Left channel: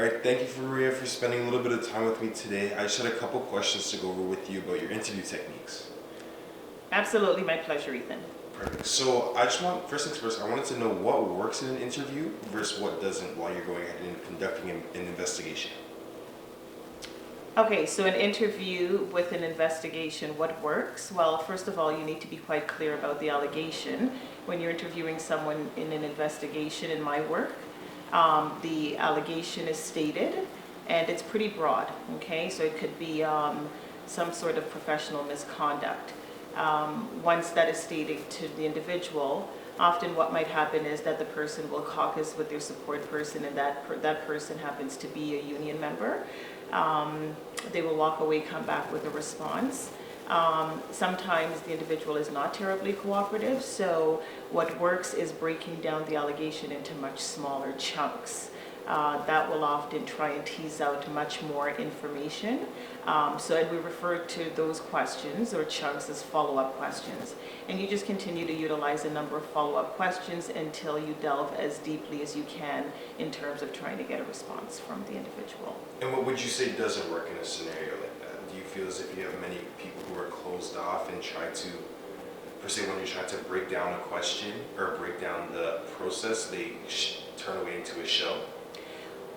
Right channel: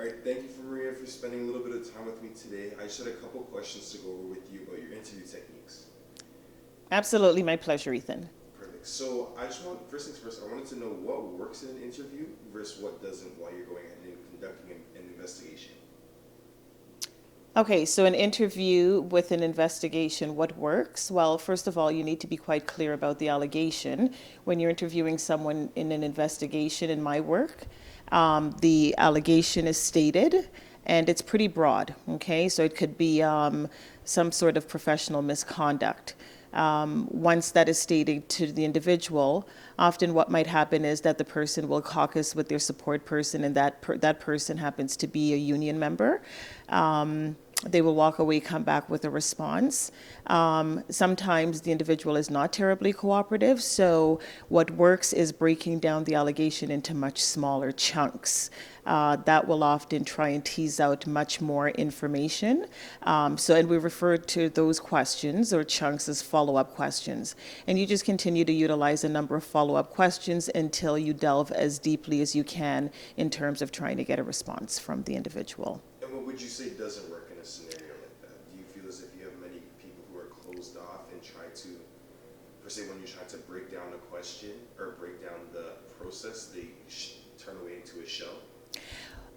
All right, thank you for spending a little bit of time with me today. I just had a couple questions to go over with you about your interview techniques. Absolutely, my pleasure, Ethan. Perfect. So I just want, first things first, I wanted to know what works in an interview versus what doesn't while you're going ahead and conducting an investigation. Okay, so an interview with an investigation, what works? Well, first of all, you need to be quite clear about the allegation. When you're interviewing someone in an investigation in my work, the allegation is stated and it's pretty broad, okay? So it could be some sort of professional misconduct. Once that is stated to the individual, often what might happen is that the person will caucus with their support person, and that person happens to be a union member. They will walk away, come back with a response. Sometimes the individual is not terribly cooperative, so what works is breaking down the allegation into much smaller chunks. That will often try and tease out much more information. And we refer to those questions or chunks as follow-up questions. And you just continue to utilize a number of follow-up questions until you delve as deeply as you can in terms of trying to get a response from the individual. And what would you say doesn't work in a scenario like that? Do you feel as if you have many people who are closed off and try to, per se, when you're trying to break down a question or break down the process, they turn away into a shell?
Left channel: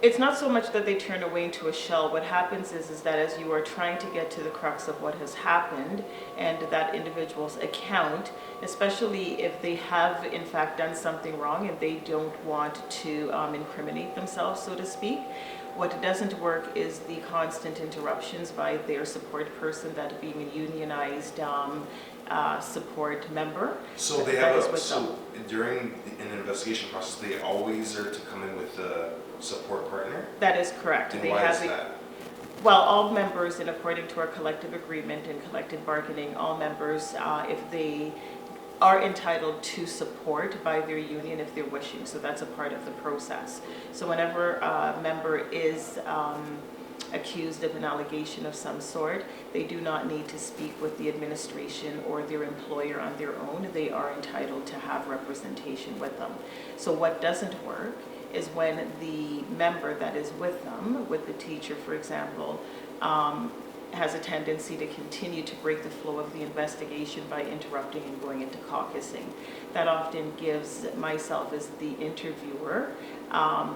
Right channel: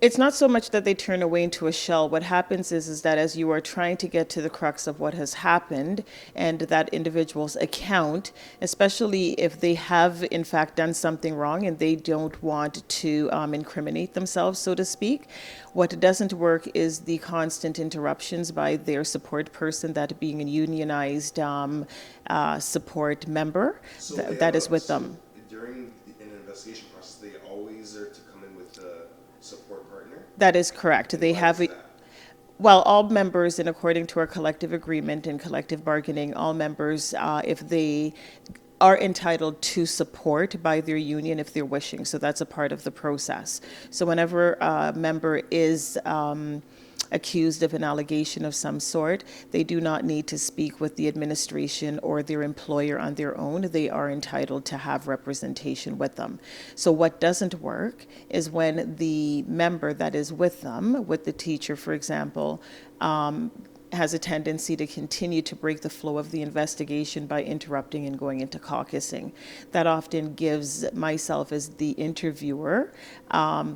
It's not so much that they turn away into a shell. What happens is that as you are trying to get to the crux of what has happened and that individual's account, especially if they have in fact done something wrong and they don't want to incriminate themselves, so to speak, what doesn't work is the constant interruptions by their support person, that being a unionized support member So they that have is with them. during an investigation process, they always are to come in with a support partner. That is correct. And They why have is that? Well, all members, and according to our collective agreement and collective bargaining, all members, if they are entitled to support by their union if they're wishing. So that's a part of the process. So whenever a member is accused of an allegation of some sort, they do not need to speak with the administration or their employer on their own. They are entitled to have representation with them. So what doesn't work is when the member that is with them, with the teacher, for example, has a tendency to continue to break the flow of the investigation by interrupting and going into caucusing. That often gives myself as the interviewer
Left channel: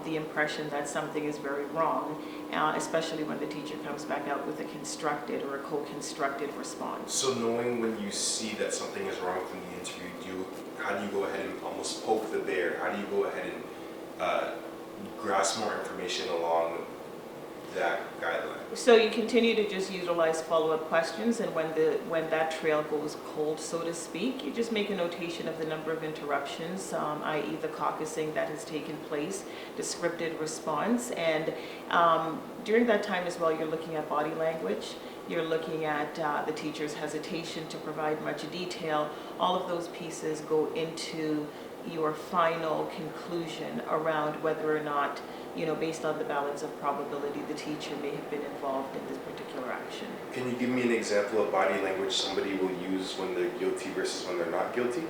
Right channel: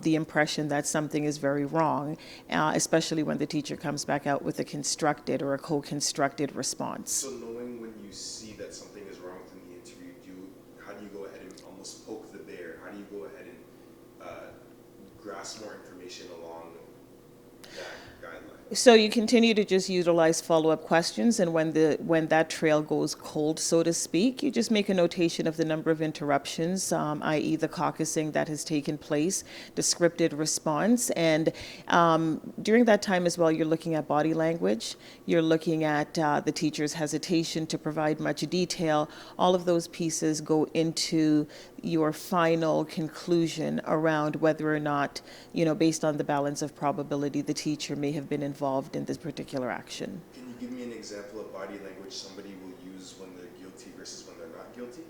the impression that something is very wrong, especially when the teacher comes back out with a constructed or a co-constructed response. So knowing when you see that something is wrong within the interview, how do you go ahead and almost poke the bear? How do you go ahead and grasp more information along that guideline? So you continue to just utilize follow-up questions, and when that trail goes cold, so to speak, you just make a notation of the number of interruptions, i.e. the caucusing that has taken place, the scripted response, and during that time as well, you're looking at body language, you're looking at the teacher's hesitation to provide much detail. All of those pieces go into your final conclusion around whether or not, based on the balance of probability, the teacher may have been involved in this particular action. Can you give me an example of body language somebody will use when they're guilty versus when they're not guilty?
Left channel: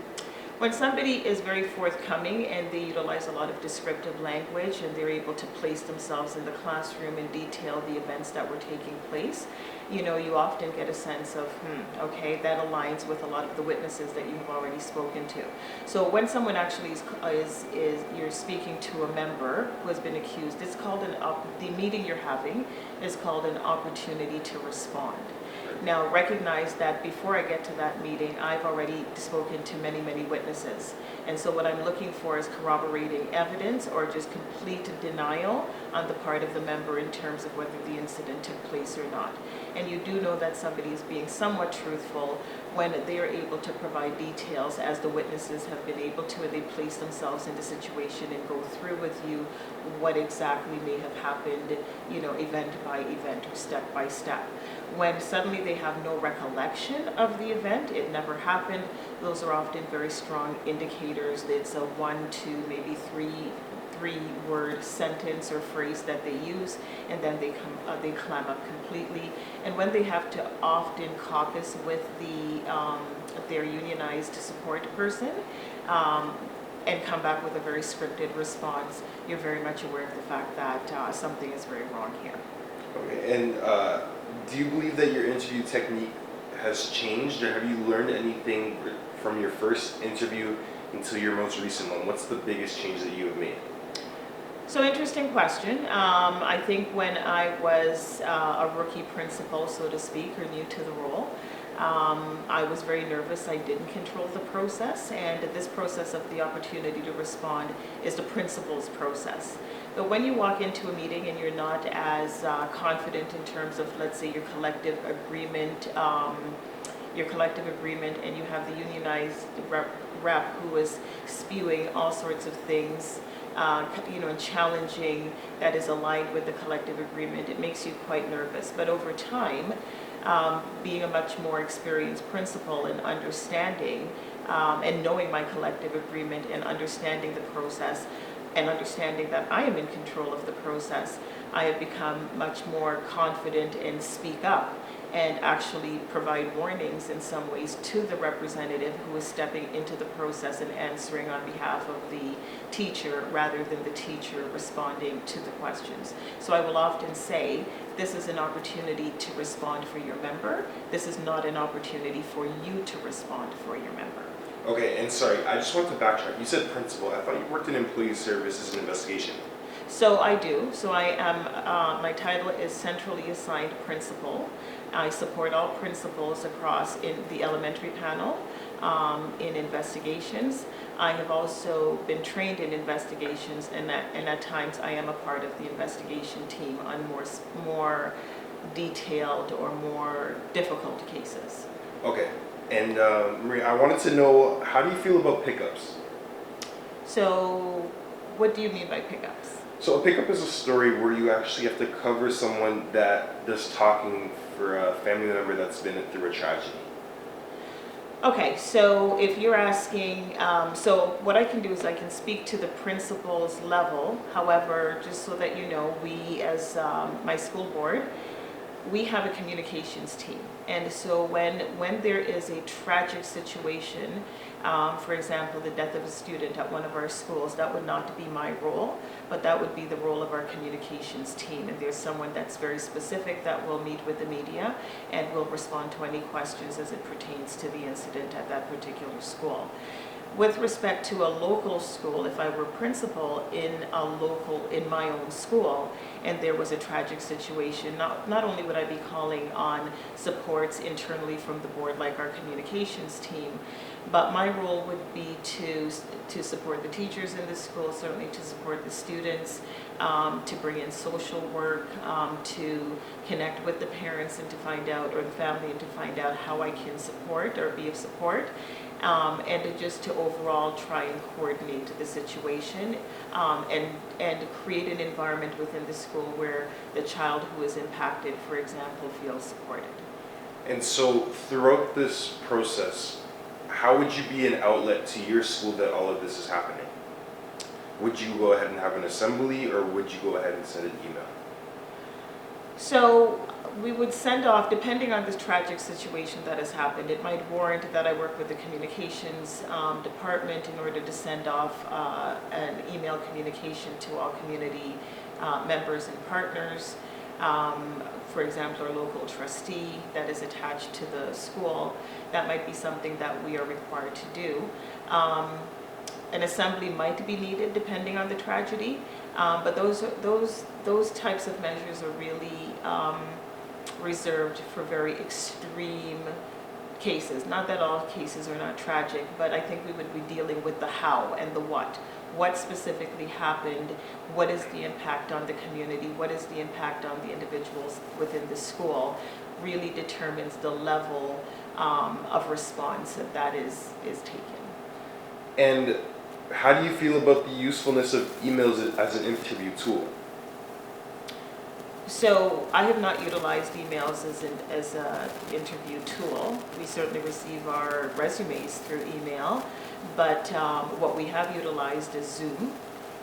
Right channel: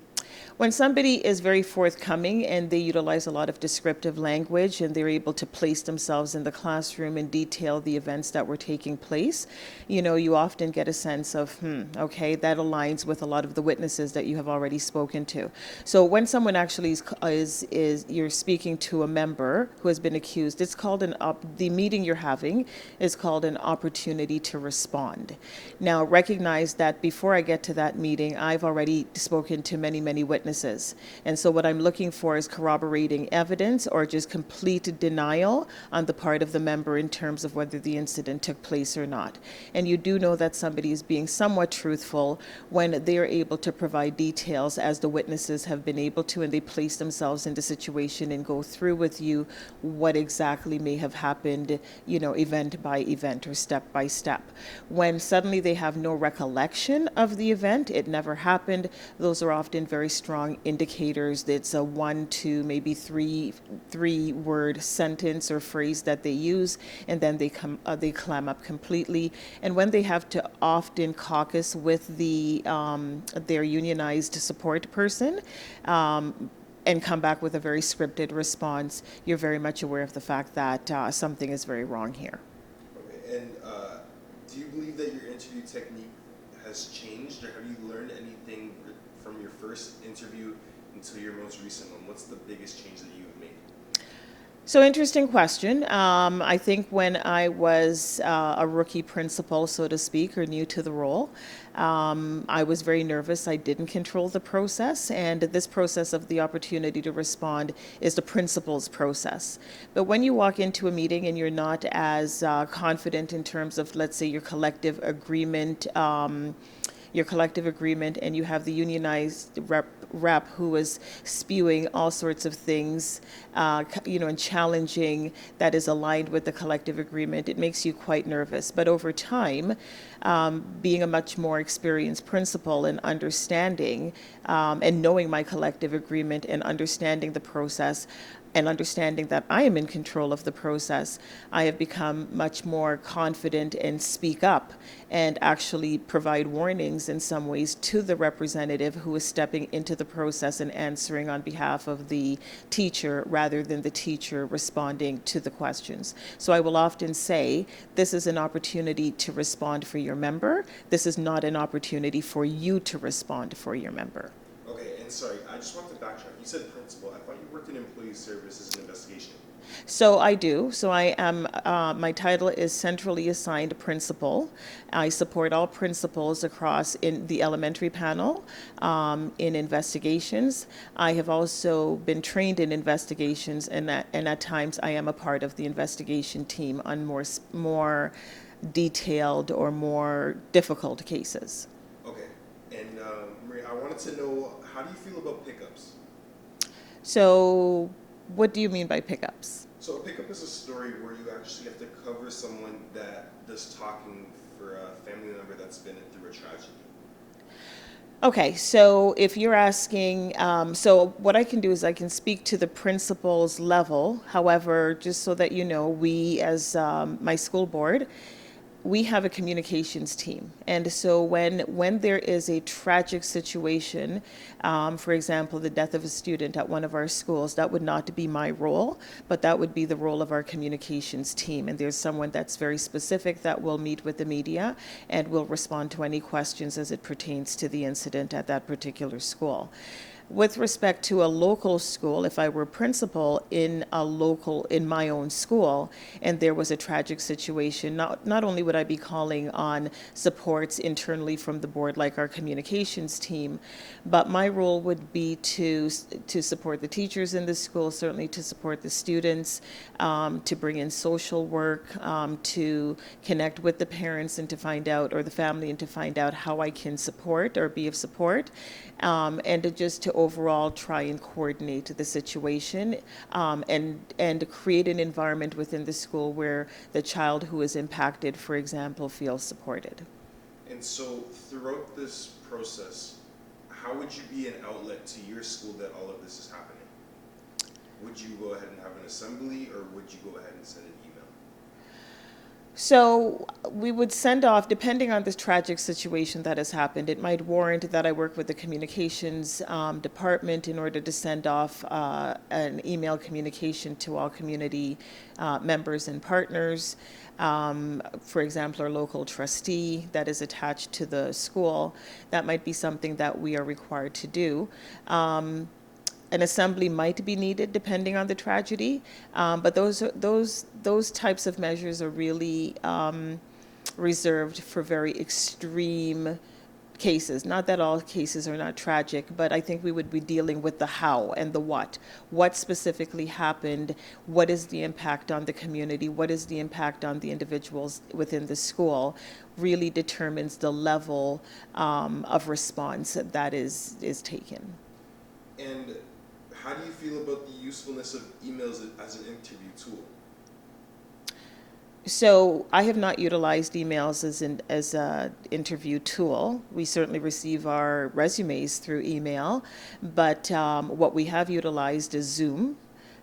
When somebody is very forthcoming and they utilize a lot of descriptive language and they're able to place themselves in the classroom and detail the events that were taking place, you often get a sense of, okay, that aligns with a lot of the witnesses that you have already spoken to. So when someone actually is you're speaking to a member who has been accused, it's called the meeting you're having is called an opportunity to respond. Now, recognize that before I get to that meeting, I've already spoken to many, many witnesses. And so what I'm looking for is corroborating evidence or just complete denial on the part of the member in terms of whether the incident took place or not. And you do know that somebody is being somewhat truthful when they're able to provide details as the witnesses have been able to, and they place themselves in the situation and go through with you what exactly may have happened, event by event or step by step. When suddenly they have no recollection of the event, it never happened, those are often very strong indicators that it's a 1 to maybe three word sentence or phrase that they use, and then they clam up completely. And when they have to often caucus with their unionized support person, and come back with a very scripted response, you're very much aware of the fact that something is very wrong here. Okay, and do you believe that your interview technique has changed, or have you learned anything from your first interview until your most recent one? What's the biggest change that you have made? So interesting question. I think when I was a rookie principal, so to speak, or new to the role, I was very nervous. I didn't control the process, and this process of the opportunity to respond is the principal's process. But when you walk into a meeting and you're not as confident in terms of, let's say, your collective agreement, and you have the unionized rep who is spewing all sorts of things, and challenging that is aligned with the collective agreement, it makes you quite nervous. But over time, being a much more experienced principal and understanding and knowing my collective agreement and understanding the process, and understanding that I am in control of the process, I have become much more confident and speak up and actually provide warnings in some ways to the representative who is stepping into the process and answering on behalf of the teacher rather than the teacher responding to the questions. So I will often say, this is an opportunity to respond for your member. This is not an opportunity for you to respond for your member. Okay, and sorry, I just want to backtrack. You said principal. I thought you worked in employee services and investigation. So I do. So I am, my title is centrally assigned principal. I support all principals across in the elementary panel in investigations. I have also been trained in investigations, and at times I am a part of the investigation team on more detailed or more difficult cases. Okay, and Maria, I wanted to know, how do you feel about pickups? So what do you mean by pickups? So a pickup is a story where you actually have to cover someone that does talking for a family member that's been through a tragedy. Okay, so if you're asking, so what I can do is I can speak to the principal's level. However, just so that you know, we as my school board, we have a communications team. And so when there is a tragic situation, for example, the death of a student at one of our schools, that would not be my role, but that would be the role of our communications team. And there's someone that's very specific that will meet with the media and will respond to any questions as it pertains to the incident at that particular school. With respect to a local school, if I were principal in my own school, and there was a tragic situation, not only would I be calling on supports internally from the board, like our communications team, but my role would be to support the teachers in the school, certainly to support the students, to bring in social work, to connect with the parents and to find out, or the family, and to find out how I can support or be of support. And just to overall try and coordinate the situation, and create an environment within the school where the child who is impacted, for example, feels supported. And so throughout this process, how would you be an outlet to your school that all of this is happening? Would you go ahead and have an assembly, or would you go ahead and send an email? So we would send off, depending on this tragic situation that has happened, it might warrant that I work with the communications department in order to send off an email communication to all community members and partners. For example, our local trustee that is attached to the school, that might be something that we are required to do. An assembly might be needed depending on the tragedy, but those types of measures are really reserved for very extreme cases. Not that all cases are not tragic, but I think we would be dealing with the how and the what. What specifically happened? What is the impact on the community? What is the impact on the individuals within the school? Really determines the level of response that is taken. And how do you feel about the usefulness of emails as an interview tool? So I have not utilized emails as an interview tool. We certainly receive our resumes through email, but what we have utilized is Zoom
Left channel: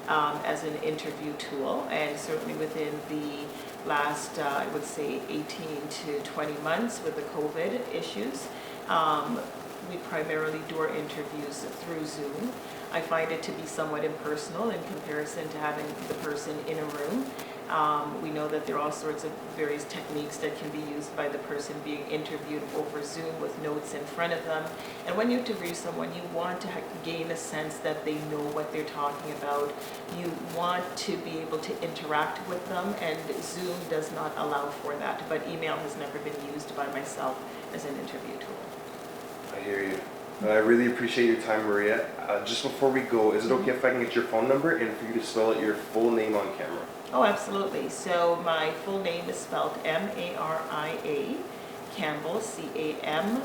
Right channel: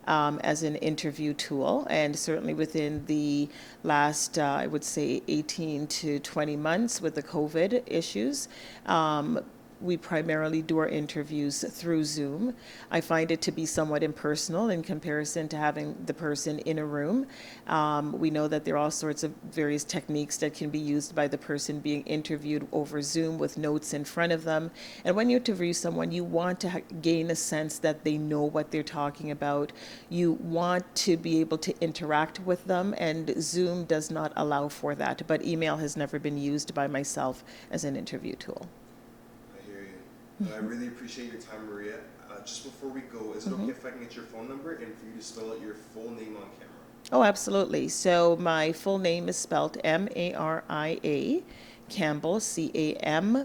as an interview tool, and certainly within the last, I would say, 18 to 20 months with the COVID issues, we primarily do our interviews through Zoom. I find it to be somewhat impersonal in comparison to having the person in a room. We know that there are all sorts of various techniques that can be used by the person being interviewed over Zoom with notes in front of them. And when you interview someone, you want to gain a sense that they know what they're talking about. You want to be able to interact with them, and Zoom does not allow for that. But email has never been used by myself as an interview tool. I hear you. I really appreciate your time, Maria. Just before we go, is it okay if I can get your phone number and for you to spell out your full name on camera? Oh, absolutely. So my full name is spelled M-A-R-I-A, Campbell, C-A-M-P-B-E-L-L,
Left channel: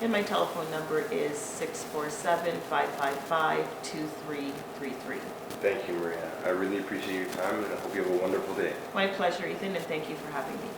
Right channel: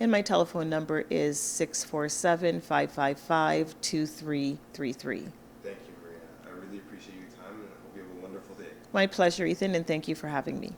and my telephone number is 647-555-2333. Thank you, Maria. I really appreciate your time, and I hope you have a wonderful day. My pleasure, Ethan, and thank you for having me.